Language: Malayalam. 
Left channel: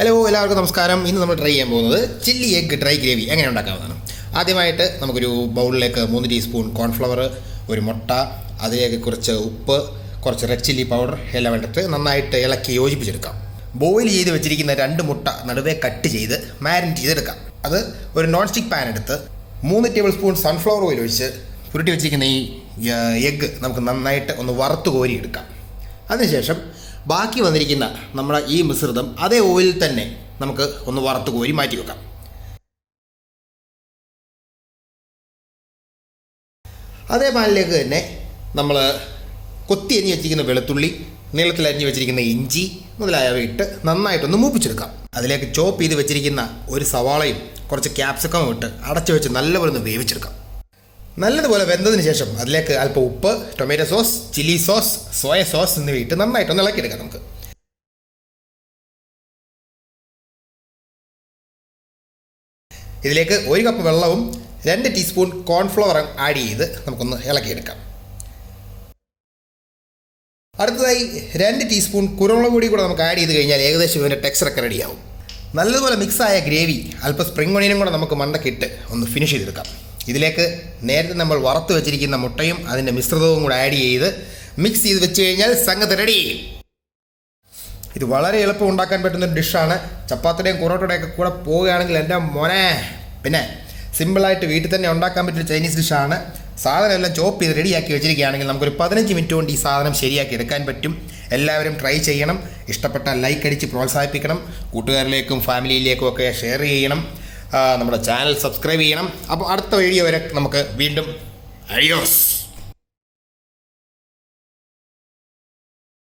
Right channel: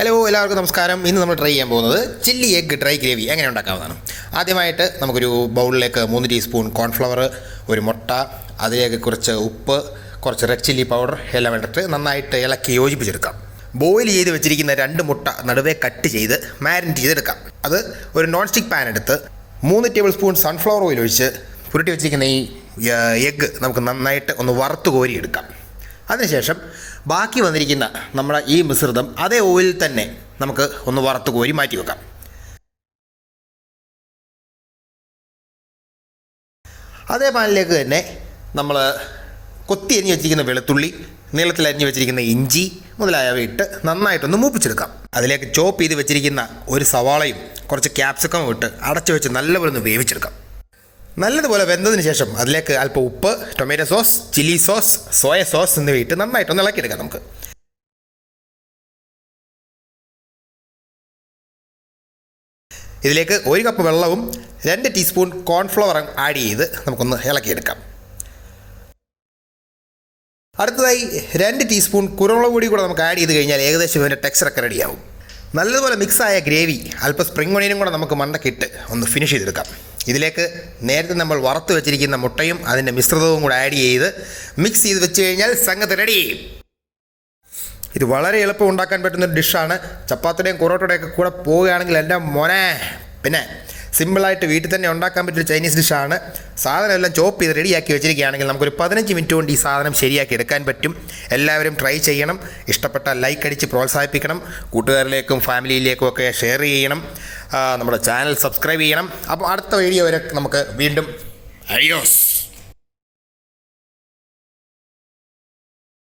ഹലോ എല്ലാവർക്കും നമസ്കാരം. ഇന്ന് നമ്മൾ ട്രൈ ചെയ്യാൻ പോകുന്നത് ചില്ലി എഗ് ഡ്രൈ ഗ്രേവി എങ്ങനെ ഉണ്ടാക്കാവുന്നതാണ്. ആദ്യമായിട്ട് നമുക്കൊരു ബൗളിലേക്ക് 3 ടീസ്പൂൺ കോൺഫ്ലവർ, ഒരു മുട്ട, അതിലേക്ക് കുറച്ച് ഉപ്പ്, കുറച്ച് റെഡ് ചില്ലി പൗഡർ എല്ലാം ഇട്ടിട്ട് നന്നായിട്ട് ഇളക്കി യോജിപ്പിച്ചെടുക്കാം. ബോയിൽ ചെയ്ത് വെച്ചിരിക്കുന്ന 2 മുട്ട നടുവേ കട്ട് ചെയ്ത് മാരിനേറ്റ് ചെയ്തെടുക്കാം. അത് ഒരു നോൺ സ്റ്റിക്ക് പാൻ എടുത്ത് 3 ടേബിൾ സ്പൂൺ സൺഫ്ലവർ ഓയിൽ ഒഴിച്ച് പുരട്ടി വെച്ചിരിക്കുന്ന ഈ എഗ്ഗ് നമുക്ക് നന്നായിട്ട് ഒന്ന് വറുത്ത് കോരിയെടുക്കാം. അതിനുശേഷം ബാക്കി വന്നിരിക്കുന്ന നമ്മുടെ ഈ മിശ്രിതം അതേ ഓയിലിൽ തന്നെ നമുക്ക് ഒന്ന് വറുത്ത് കോരി മാറ്റി വെക്കാം. അതേ പാനിലേക്ക് തന്നെ നമ്മൾ കൊത്തി അരിഞ്ഞ് വെച്ചിരിക്കുന്ന വെളുത്തുള്ളി, നീളത്തിൽ അരിഞ്ഞ് വെച്ചിരിക്കുന്ന ഇഞ്ചി മുതലായവ ഇട്ട് നന്നായിട്ടൊന്ന് മൂപ്പിച്ചെടുക്കാം. അതിലേക്ക് ചോപ്പ് ചെയ്ത് വെച്ചിരിക്കുന്ന ഒരു സവാളയും കുറച്ച് ക്യാപ്സിക്കവും ഇട്ട് അടച്ചു വെച്ച് നല്ലപോലെ ഒന്ന് വേവിച്ചെടുക്കാം. നല്ലതുപോലെ വെന്തതിന് ശേഷം അതിലേക്ക് അല്പം ഉപ്പ്, tomato sauce, chilli sauce, soya sauce എന്നിവ ഇട്ട് നന്നായിട്ടൊന്ന് ഇളക്കിയെടുക്കാം. നമുക്ക് ഇതിലേക്ക് 1 കപ്പ് വെള്ളവും 2 ടീസ്പൂൺ കോൺഫ്ലവർ ആഡ് ചെയ്ത് നമുക്കൊന്ന് ഇളക്കിയെടുക്കാം. അടുത്തതായി 2 ടീസ്പൂൺ കുരുമുളക് പൊടി കൂടെ നമുക്ക് ആഡ് ചെയ്ത് കഴിഞ്ഞാൽ ഏകദേശം ഇതിൻ്റെ ടെക്സ്ചറൊക്കെ റെഡിയാവും. നല്ലതുപോലെ മിക്സായ ഗ്രേവി അല്പം സ്പ്രിംഗ് ഒണിയനും കൂടെ നമുക്ക് മണ്ടക്കിട്ട് ഒന്ന് ഫിനിഷ് ചെയ്തെടുക്കാം. ഇതിലേക്ക് നേരത്തെ നമ്മൾ വറുത്ത് വെച്ചിരിക്കുന്ന മുട്ടയും അതിൻ്റെ മിശ്രിതവും കൂടെ ആഡ് ചെയ്ത് മിക്സ് ചെയ്ത് വെച്ച് കഴിഞ്ഞാൽ സംഗതി റെഡി. ഇത് വളരെ എളുപ്പം ഉണ്ടാക്കാൻ പറ്റുന്ന ഡിഷാണ്. ചപ്പാത്തിയുടെയും പൊറോട്ടയുടെയൊക്കെ കൂടെ പോവുകയാണെങ്കിൽ എൻ്റെ മോനെ. പിന്നെ സിമ്പിളായിട്ട് വീട്ടിൽ തന്നെ ഉണ്ടാക്കാൻ പറ്റിയൊരു ചൈനീസ് ഡിഷാണ്. സാധനം എല്ലാം ചോപ്പ് ചെയ്ത് റെഡിയാക്കി വെച്ചിരിക്കുകയാണെങ്കിൽ നമുക്കൊരു 15 മിനിറ്റ് കൊണ്ട് ഈ സാധനം ശരിയാക്കി എടുക്കാൻ പറ്റും. എല്ലാവരും ട്രൈ ചെയ്യണം. ഇഷ്ടപ്പെട്ടാൽ ലൈക്ക് അടിച്ച് പ്രോത്സാഹിപ്പിക്കണം. കൂട്ടുകാരിലേക്കും ഫാമിലിയിലേക്കും ഒക്കെ ഷെയർ ചെയ്യണം. നമ്മുടെ ചാനൽ സബ്സ്ക്രൈബ് ചെയ്യണം. അപ്പോൾ അടുത്ത വീഡിയോ വരെ നമുക്ക് വീണ്ടും അഡിയോസ്.